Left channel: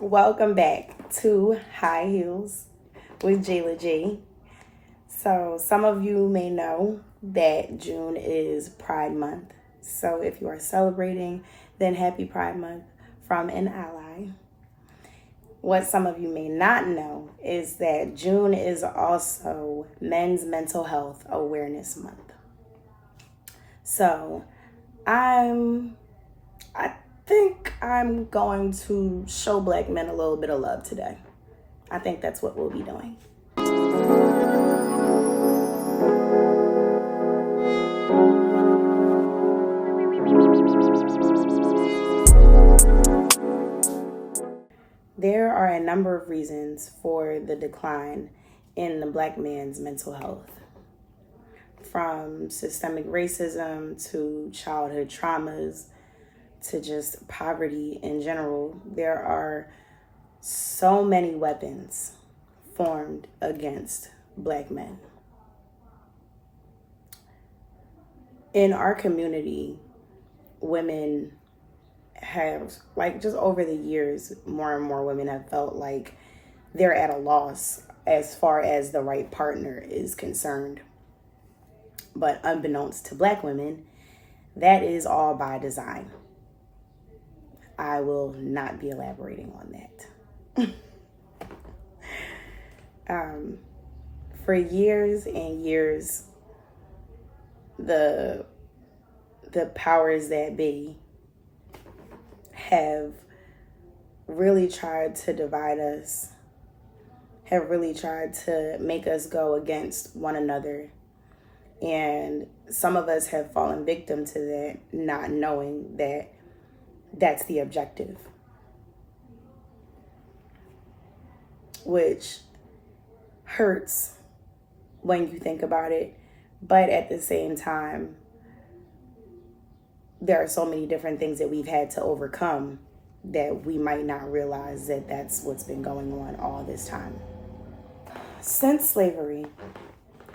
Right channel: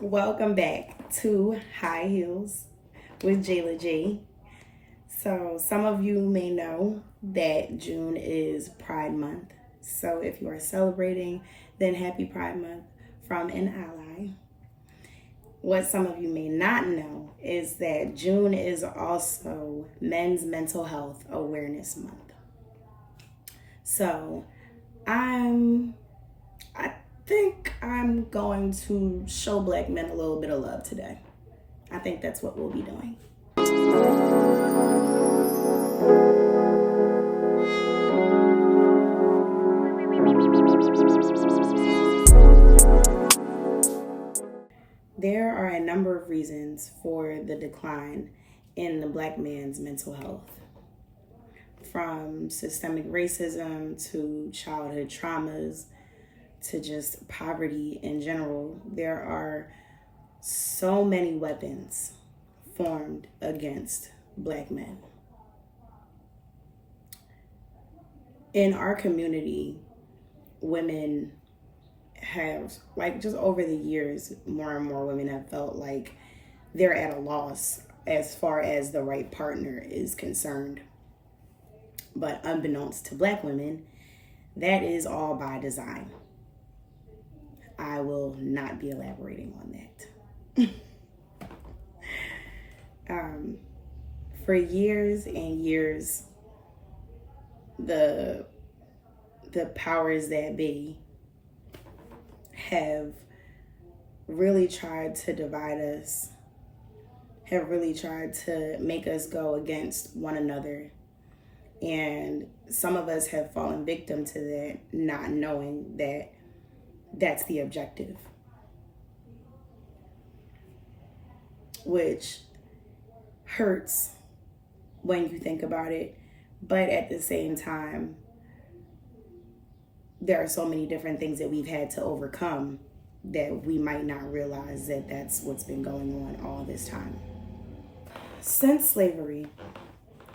Welcome back to High Heels with Jayla G. So, some of you may know that June is Pride Month. So, if you are celebrating, then happy Pride Month from an ally. What some of you may not know is that June is also Men's Mental Health Awareness Month. So, I think I'm going to show black men a little bit of love today. I think that's what we'll be doing. There are a number of reasons for the decline in the black man's mental health. From systemic racism to childhood traumas to just poverty in general, there are so many weapons formed against black men. In our community, women have, just over the years, more and more women have felt like they're at a loss as far as the right partner is concerned. But unbeknownst to black women, that is all by design. I will not be elaborating on that. For years and years, the powers that be have really tried to divide us, have really tried to make us go against one another. And some of us have fallen victim to that, not knowing that that's the objective. Which hurts when you think about it, but at the same time, there are so many different things that we've had to overcome that we might not realize that that's what's been going on all this time. Since slavery,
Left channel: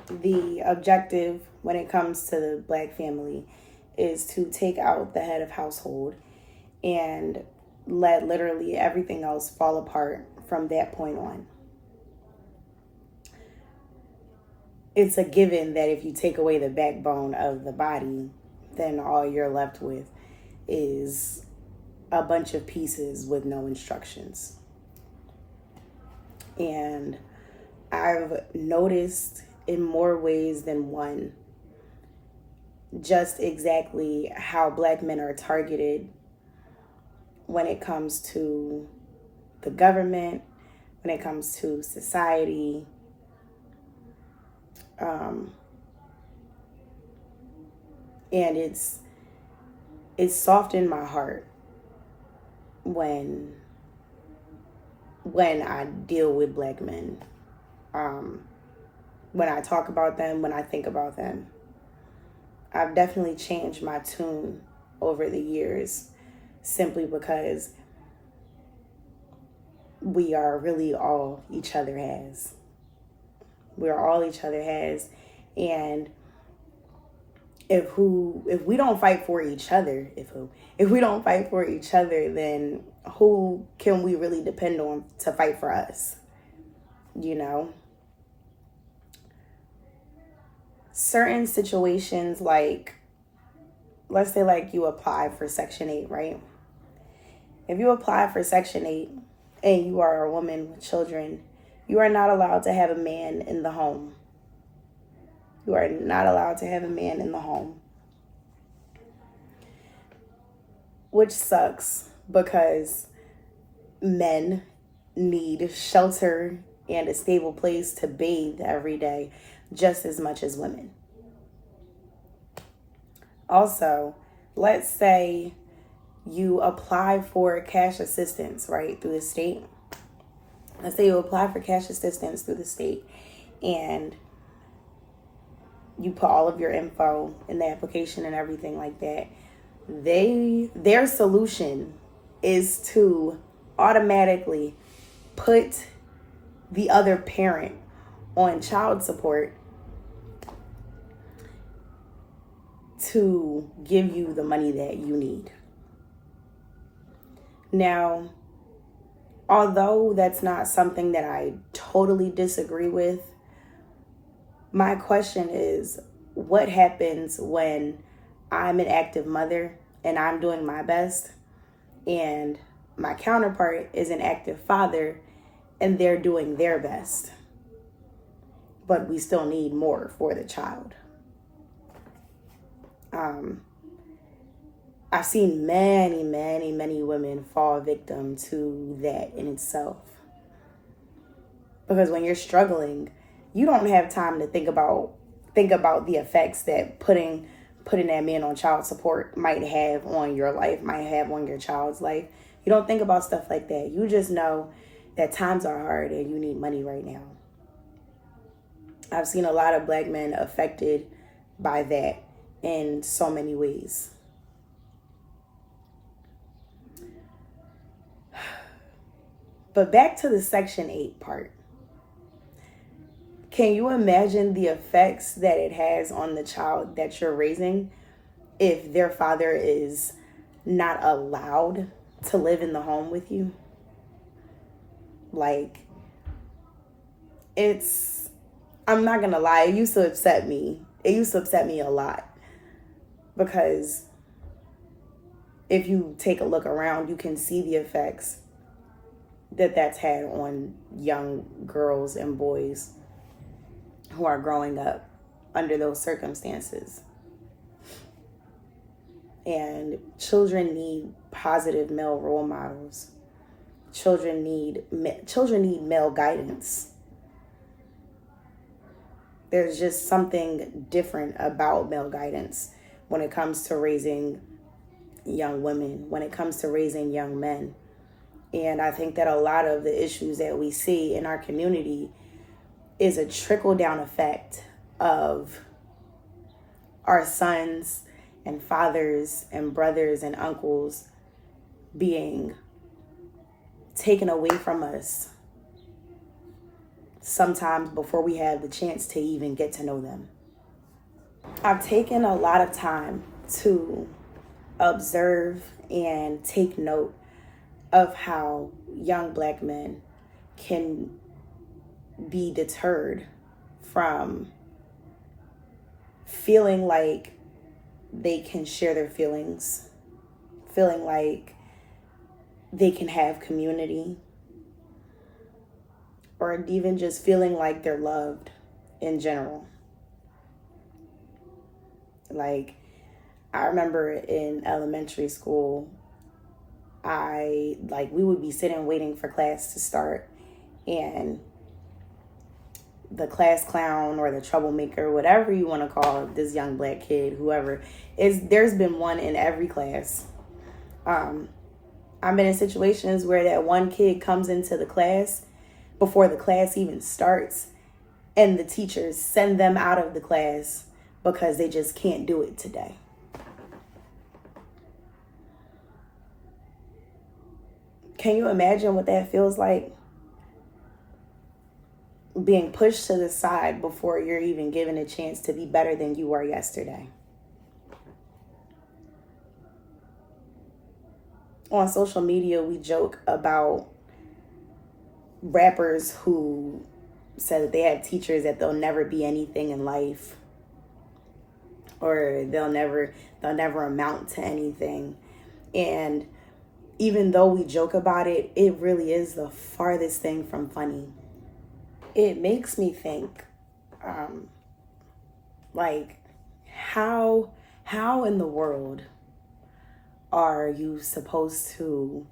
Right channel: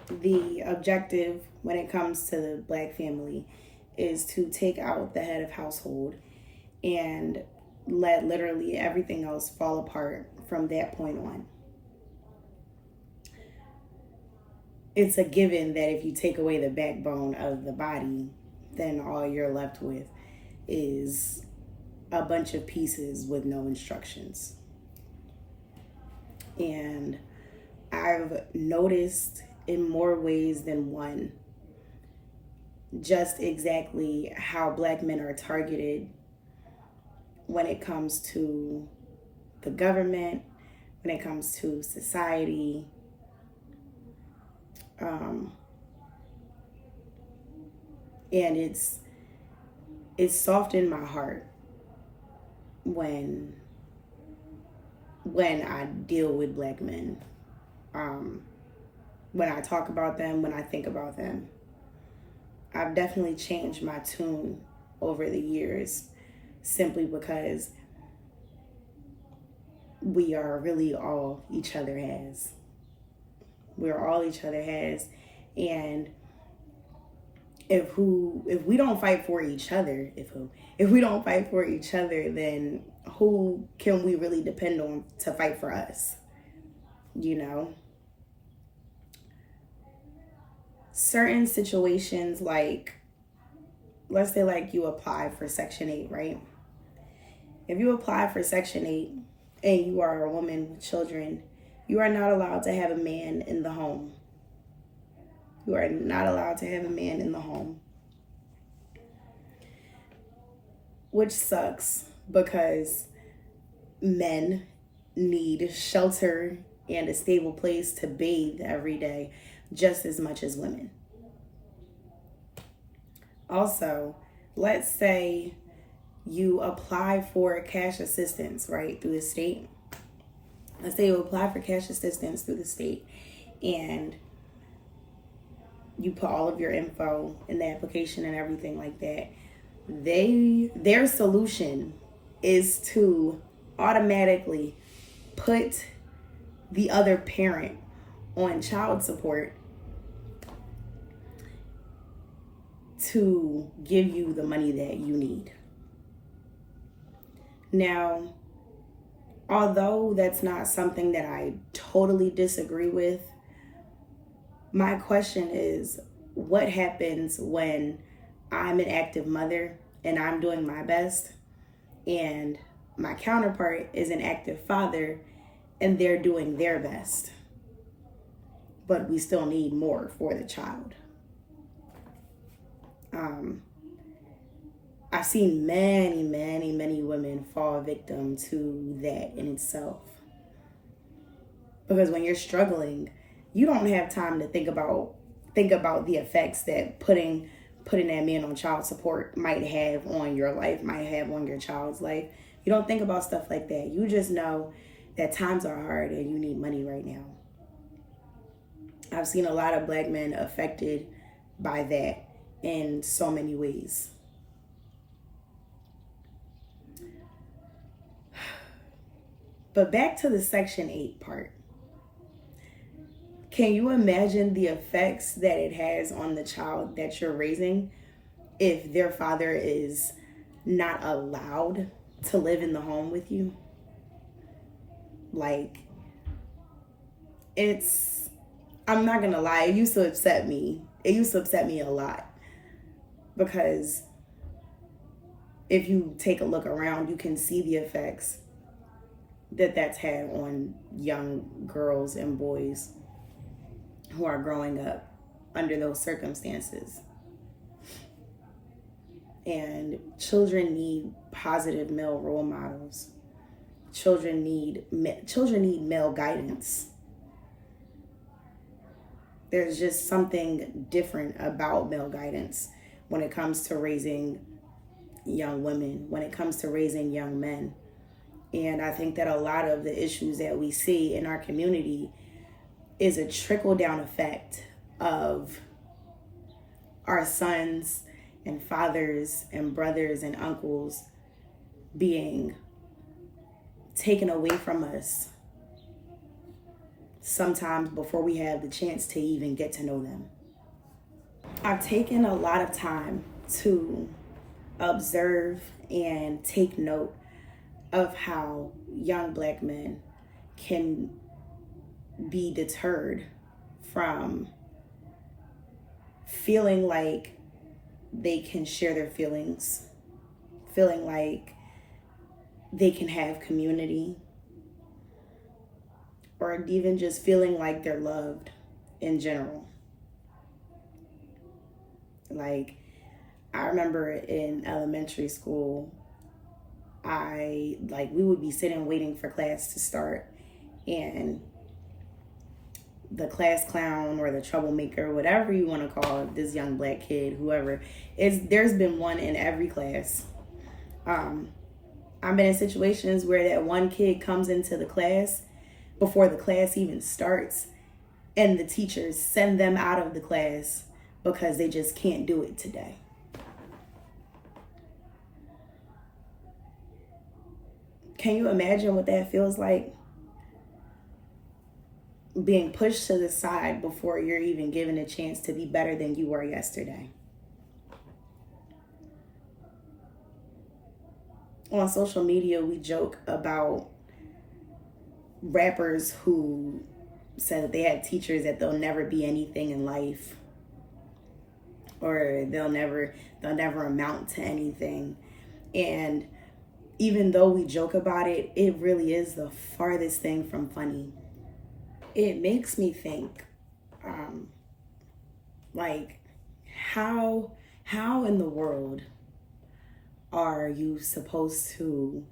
the objective when it comes to the black family is to take out the head of household and let literally everything else fall apart from that point on. It's a given that if you take away the backbone of the body, then all you're left with is a bunch of pieces with no instructions. And I've noticed in more ways than one just exactly how black men are targeted when it comes to the government, when it comes to society. And it's softened my heart when I deal with black men. When I talk about them, when I think about them. I've definitely changed my tune over the years simply because we are really all each other has. We're all each other has. And if we don't fight for each other, if we don't fight for each other, then who can we really depend on to fight for us? You know? Certain situations, like, let's say like you apply for Section 8, right? If you apply for Section 8 and you are a woman with children, you are not allowed to have a man in the home. You are not allowed to have a man in the home. Which sucks because men need shelter and a stable place to bathe every day just as much as women. Also, let's say you apply for cash assistance, right, through the state. Let's say you apply for cash assistance through the state and you put all of your info in the application and everything like that. Their solution is to automatically put the other parent on child support to give you the money that you need. Now, although that's not something that I totally disagree with, my question is, what happens when I'm an active mother and I'm doing my best, and my counterpart is an active father and they're doing their best, but we still need more for the child? I've seen many, many, many women fall victim to that in itself. Because when you're struggling, you don't have time to think about the effects that putting that man on child support might have on your life, might have on your child's life. You don't think about stuff like that. You just know that times are hard and you need money right now. I've seen a lot of Black men affected by that in so many ways. But back to the Section 8 part. Can you imagine the effects that it has on the child that you're raising if their father is not allowed to live in the home with you? Like, I'm not gonna lie, it used to upset me. It used to upset me a lot. Because if you take a look around, you can see the effects that's had on young girls and boys who are growing up under those circumstances. And children need positive male role models. Children need male guidance. There's just something different about male guidance when it comes to raising young women, when it comes to raising young men. And I think that a lot of the issues that we see in our community is a trickle-down effect of our sons and fathers and brothers and uncles being taken away from us sometimes before we have the chance to even get to know them. I've taken a lot of time to observe and take note of how young Black men can be deterred from feeling like they can share their feelings, feeling like they can have community, or even just feeling like they're loved in general. Like, I remember in elementary school, we would be sitting waiting for class to start, and the class clown or the troublemaker, whatever you want to call this young Black kid, whoever, there's been one in every class. I've been in situations where that one kid comes into the class before the class even starts, and the teachers send them out of the class because they just can't do it today. Can you imagine what that feels like? Being pushed to the side before you're even given a chance to be better than you were yesterday. On social media, we joke about rappers who said that they had teachers that they'll never be anything in life, or they'll never amount to anything. And even though we joke about it, it really is the farthest thing from funny. It makes me think, how in the world are you supposed to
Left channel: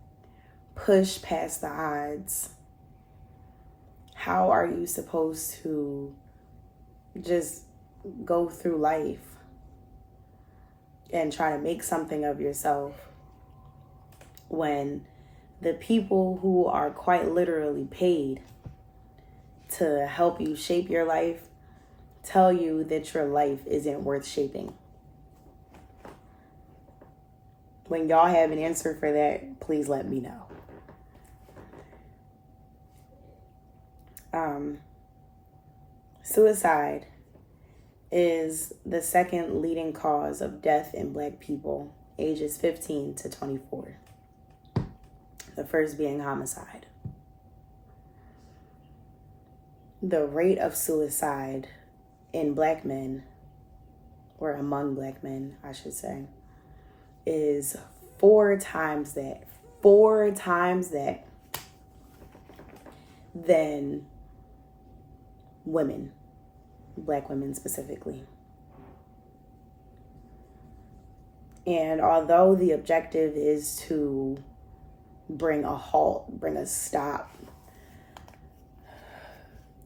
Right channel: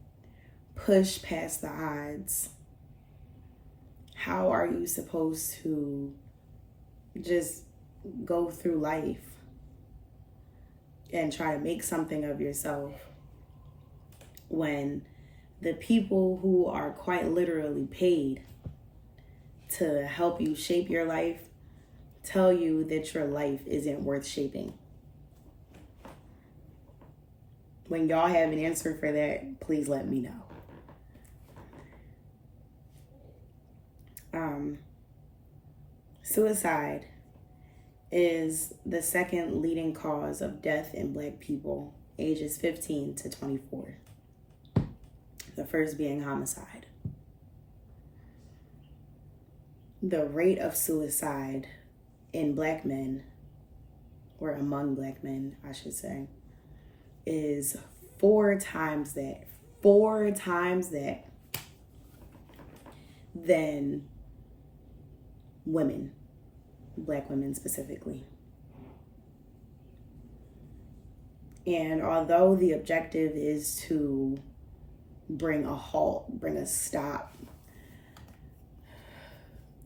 push past the odds? How are you supposed to just go through life and try to make something of yourself when the people who are quite literally paid to help you shape your life tell you that your life isn't worth shaping? When y'all have an answer for that, please let me know. Suicide is the second leading cause of death in Black people ages 15 to 24. The first being homicide. the rate of suicide in Black men, or among Black men, I should say, is 4 times that than women, Black women specifically. And although the objective is to bring a halt, bring a stop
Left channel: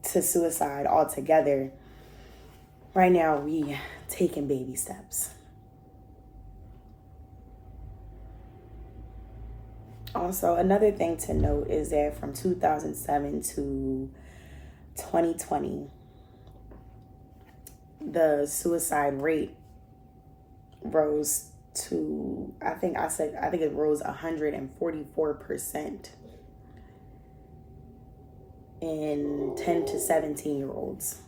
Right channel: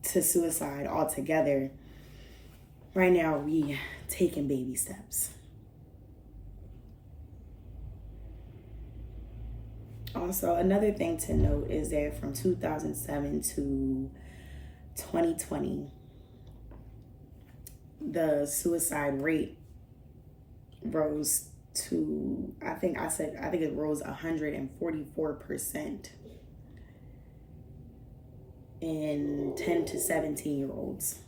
to suicide altogether, right now we taking baby steps. Also, another thing to note is that from 2007 to 2020, the suicide rate rose to, I think it rose 144% in 10 to 17-year-olds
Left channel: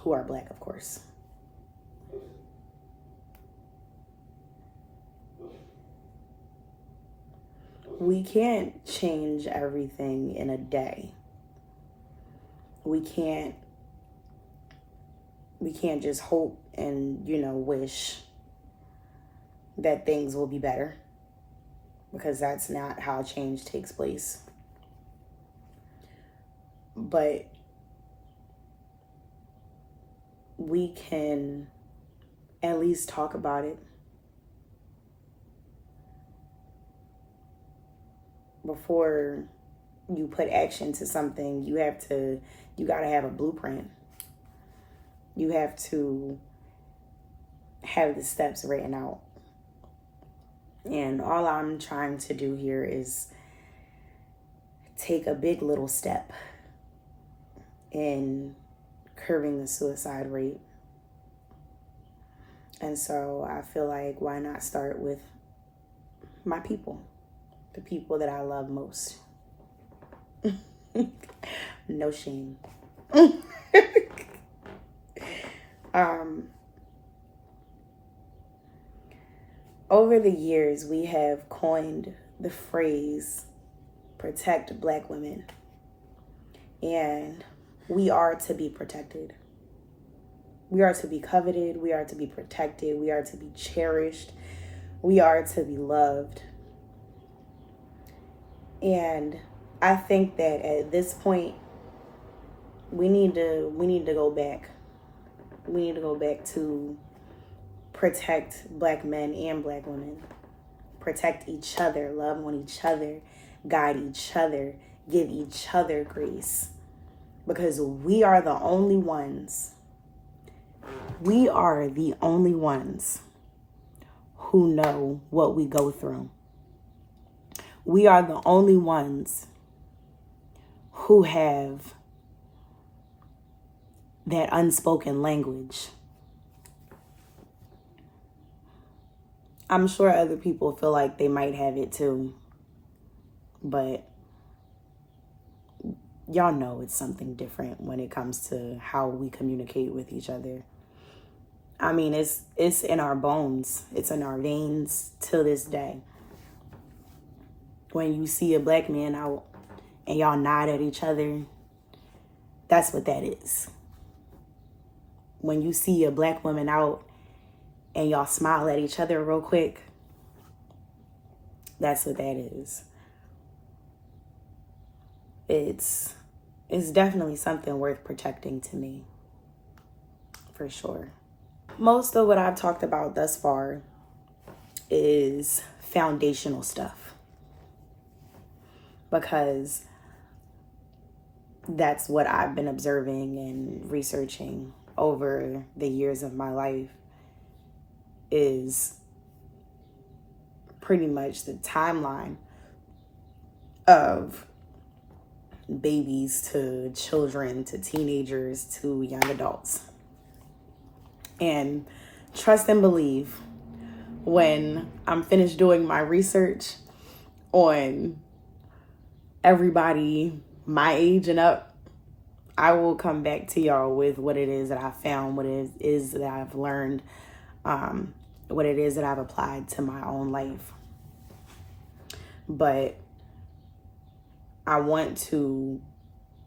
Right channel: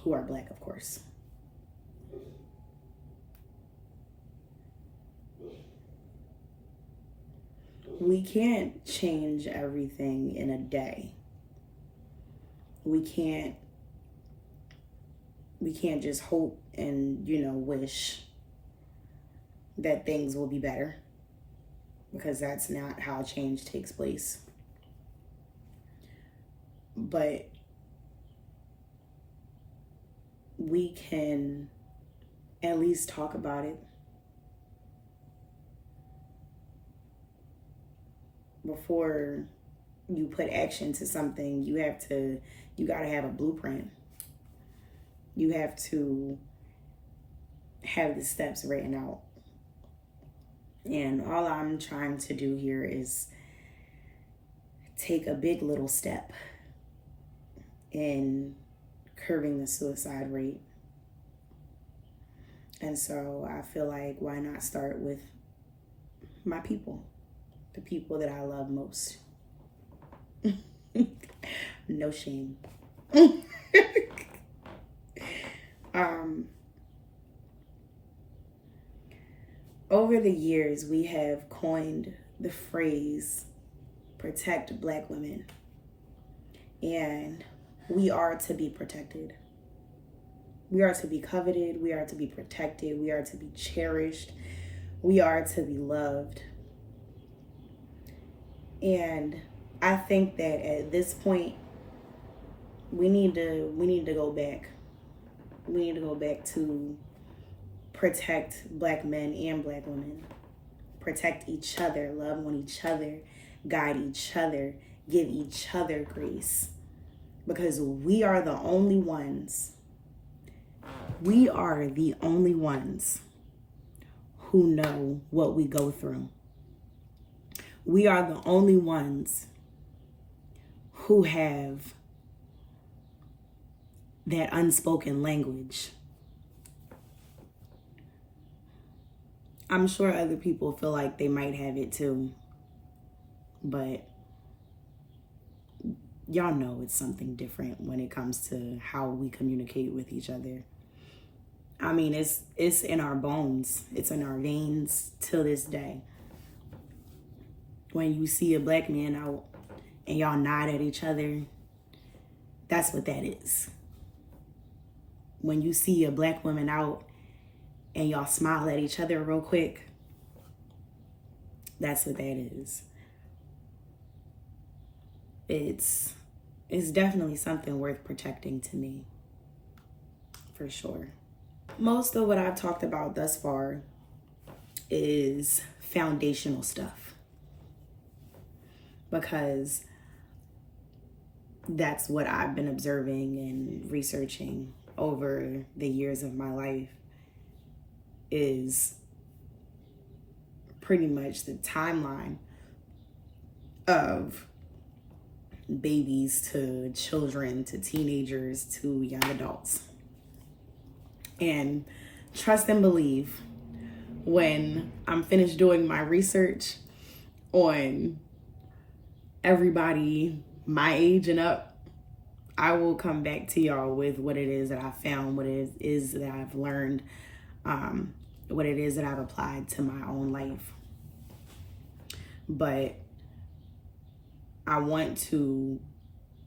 who are Black, of course. We can't change everything in a day. We can't just hope and, wish that things will be better, because that's not how change takes place. But we can at least talk about it. Before you put action to something, you gotta have a blueprint. You have to have the steps written out. And all I'm trying to do here is take a big little step in curbing the suicide rate. And so I feel like, why not start with my people, the people that I love most? No shame. Over the years, we have coined the phrase protect Black women. And we are to be protected. We are to be coveted. We are to be protected. We are to be cherished. We are to be loved. And I think that at this point, we need to go back. We need to go back to protect Black men and Black women. Protect each other, love on each other, guide each other, give each other grace. Because we are the only ones. We are the only ones who know what we go through. We are the only ones who have that unspoken language. I'm sure other people feel like they might have it too, but y'all know it's something different when it comes to how we communicate with each other. I mean, it's in our bones. It's in our veins till this day. When you see a Black man out and y'all nod at each other, that's what that is. When you see a Black woman out and y'all smile at each other real quick, that's what that is. It's definitely something worth protecting to me, for sure. Most of what I've talked about thus far is foundational stuff, because that's what I've been observing and researching over the years of my life, is pretty much the timeline of babies to children to teenagers to young adults. And trust and believe, when I'm finished doing my research on everybody my age and up, I will come back to y'all with what it is that I found, what it is that I've learned, what it is that I've applied to my own life. But I want to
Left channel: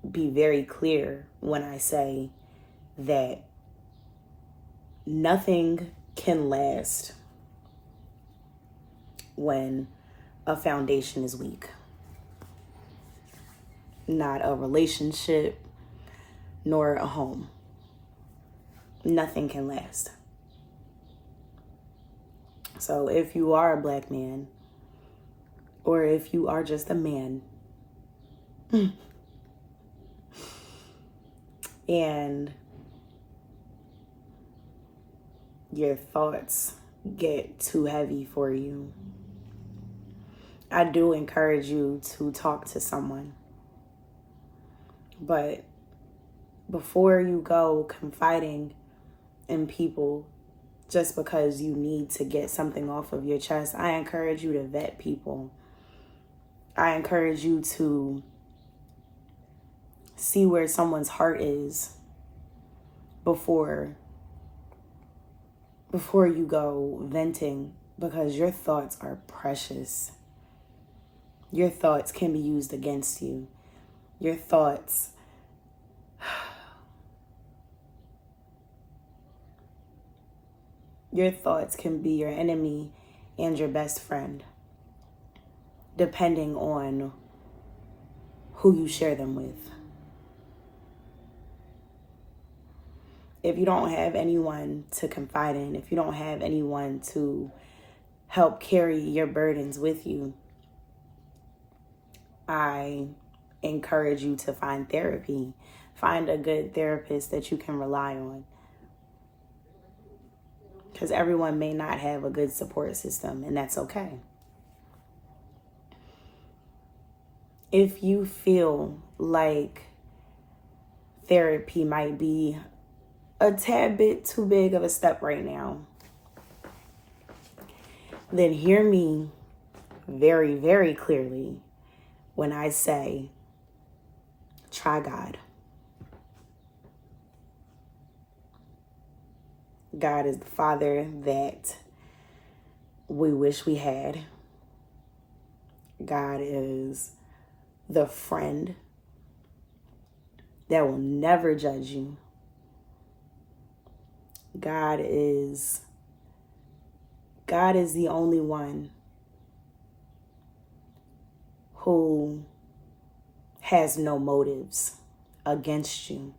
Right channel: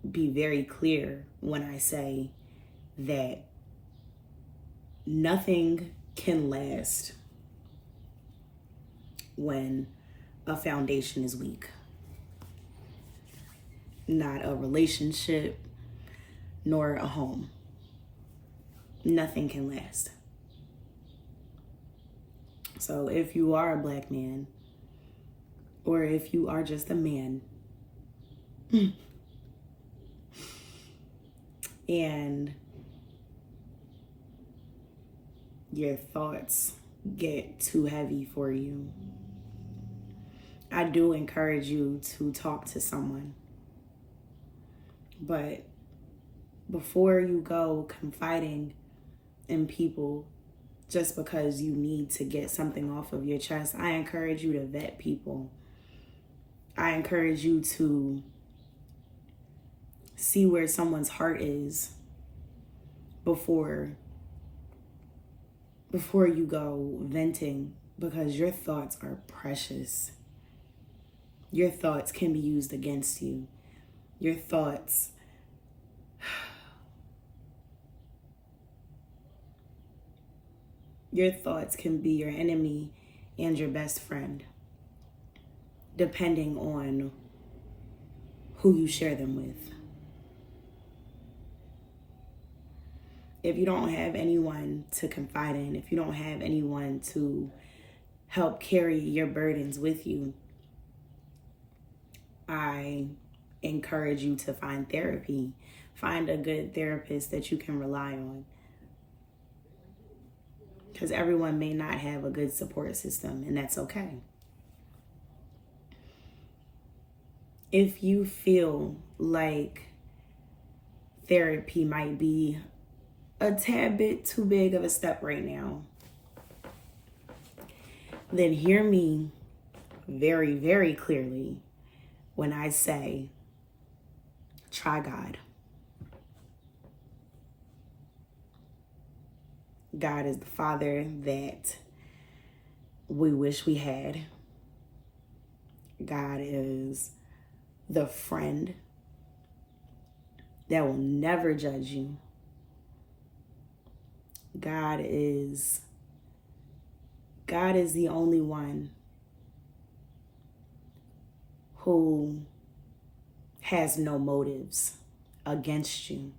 be very clear when I say that nothing can last when a foundation is weak. Not a relationship, nor a home. Nothing can last. So if you are a Black man, or if you are just a man, and your thoughts get too heavy for you, I do encourage you to talk to someone. But before you go confiding in people just because you need to get something off of your chest, I encourage you to vet people. I encourage you to see where someone's heart is before you go venting, because your thoughts are precious. Your thoughts can be used against you. Your thoughts can be your enemy and your best friend, depending on who you share them with. If you don't have anyone to confide in, if you don't have anyone to help carry your burdens with you, I encourage you to find therapy. Find a good therapist that you can rely on. Because everyone may not have a good support system, and that's okay. If you feel like therapy might be a tad bit too big of a step right now, then hear me very, very clearly when I say, try God. God is the Father that we wish we had. God is the friend that will never judge you. God is the only one who has no motives against you,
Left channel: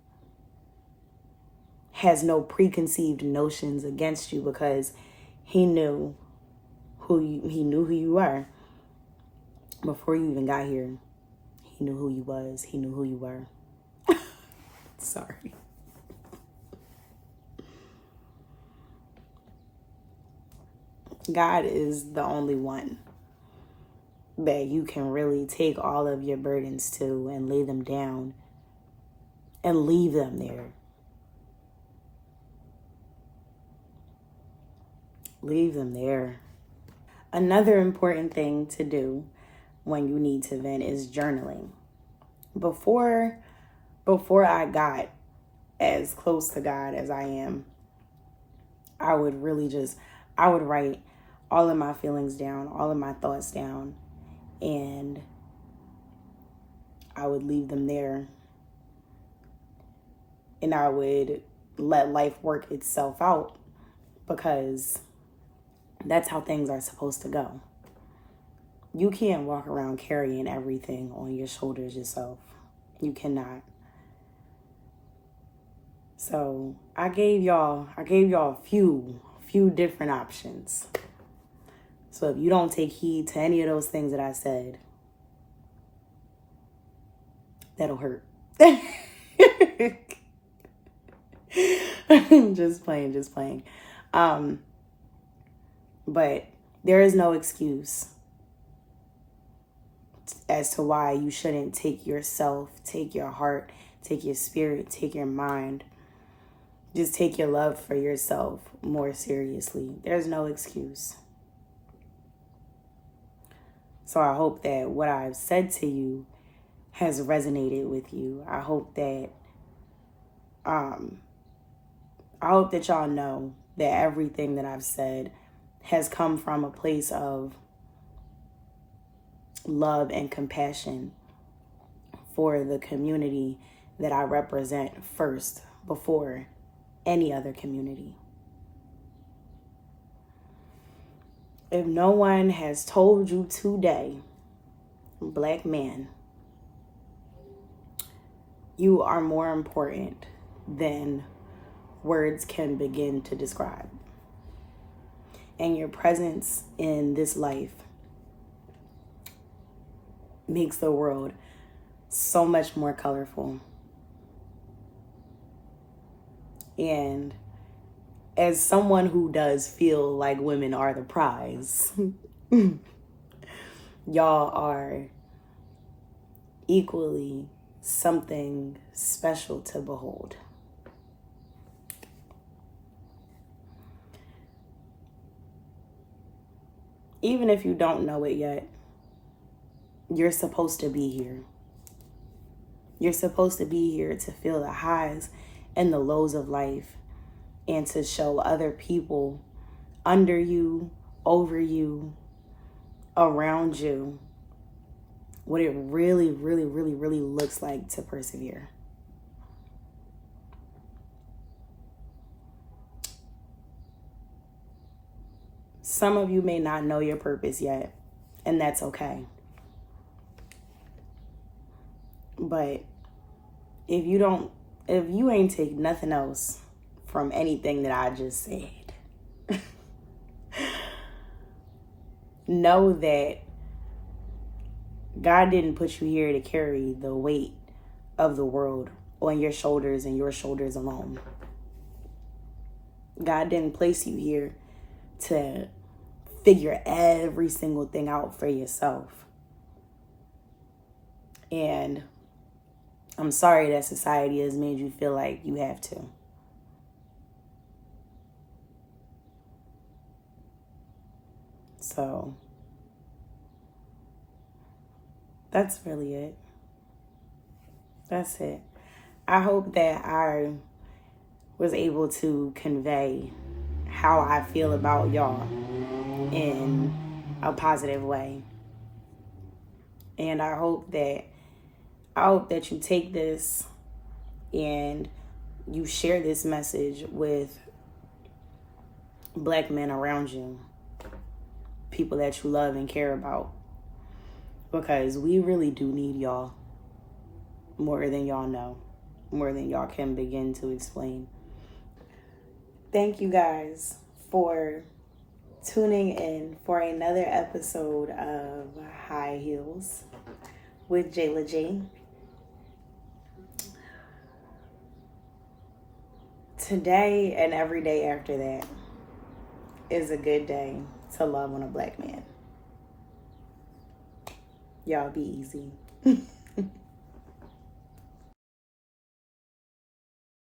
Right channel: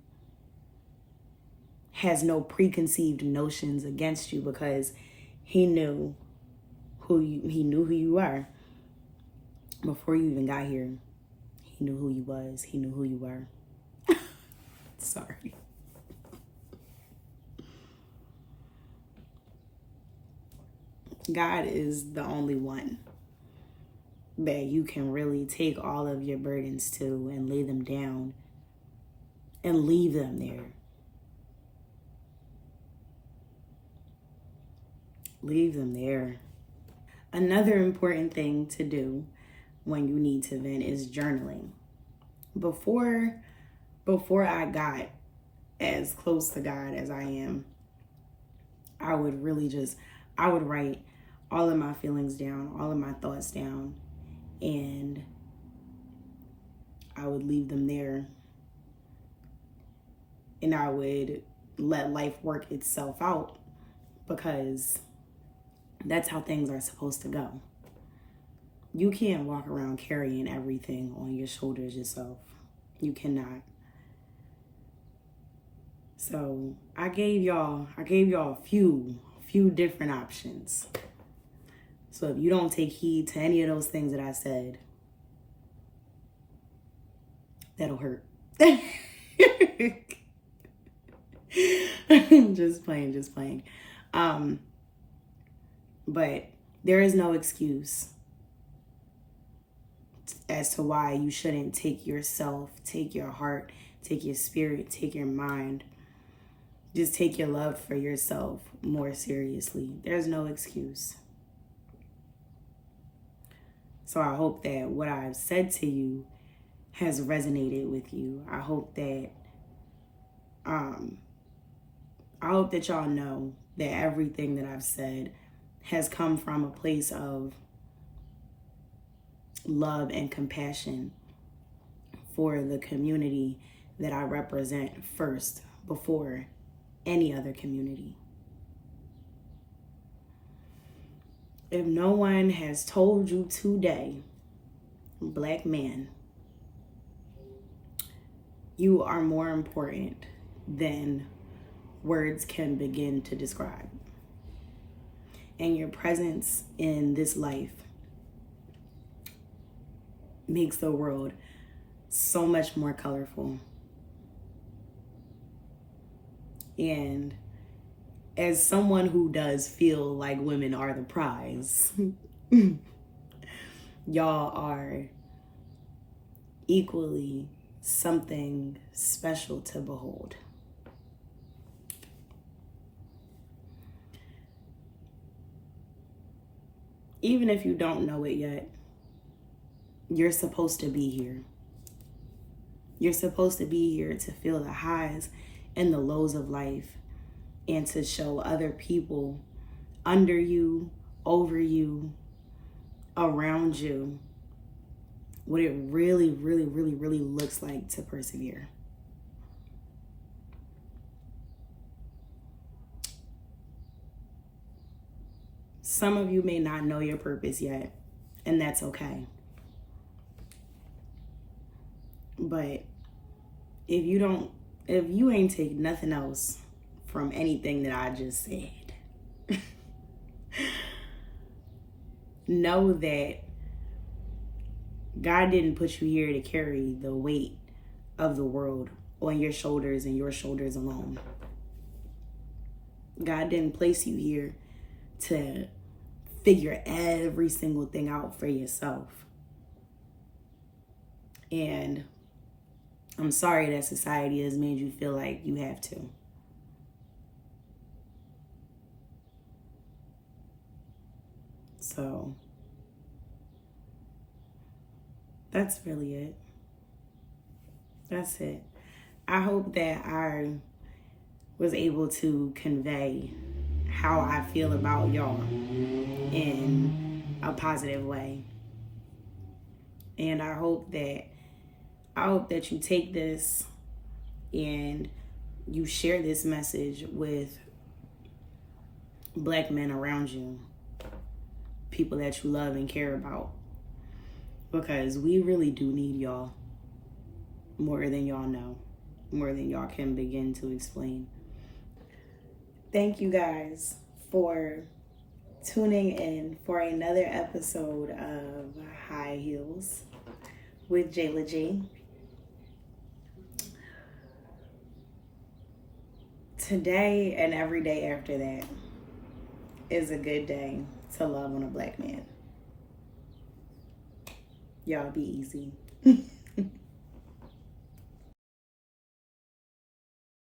has no preconceived notions against you, because he knew who you are before you even got here. He knew who you was. He knew who you were. Sorry. God is the only one that you can really take all of your burdens to and lay them down and leave them there. Leave them there. Another important thing to do when you need to vent is journaling. Before I got as close to God as I am, I would write all of my feelings down, all of my thoughts down, and I would leave them there. And I would let life work itself out, because that's how things are supposed to go. You can't walk around carrying everything on your shoulders yourself. You cannot. So I gave y'all a few different options. So if you don't take heed to any of those things that I said, that'll hurt. Just playing. But there is no excuse as to why you shouldn't take yourself, take your heart, take your spirit, take your mind, just take your love for yourself more seriously. There's no excuse. So I hope that what I've said to you has resonated with you. I hope that y'all know that everything that I've said has come from a place of love and compassion, for the community that I represent first before any other community. If no one has told you today, Black man, you are more important than words can begin to describe. And your presence in this life makes the world so much more colorful. And as someone who does feel like women are the prize, y'all are equally something special to behold. Even if you don't know it yet, you're supposed to be here. You're supposed to be here to feel the highs and the lows of life and to show other people under you, over you, around you, what it really, really, really, really looks like to persevere. Some of you may not know your purpose yet, and that's okay. But if you ain't take nothing else from anything that I just said, know that God didn't put you here to carry the weight of the world on your shoulders and your shoulders alone. God didn't place you here to figure every single thing out for yourself. And I'm sorry that society has made you feel like you have to. So that's really it. That's it. I hope that I was able to convey how I feel about y'all in a positive way. And I hope that you take this and you share this message with Black men around you, people that you love and care about, because we really do need y'all more than y'all know, more than y'all can begin to explain. Thank you guys for tuning in for another episode of High Heels with Jayla G. Today and every day after that is a good day to love on a Black man. Y'all be easy.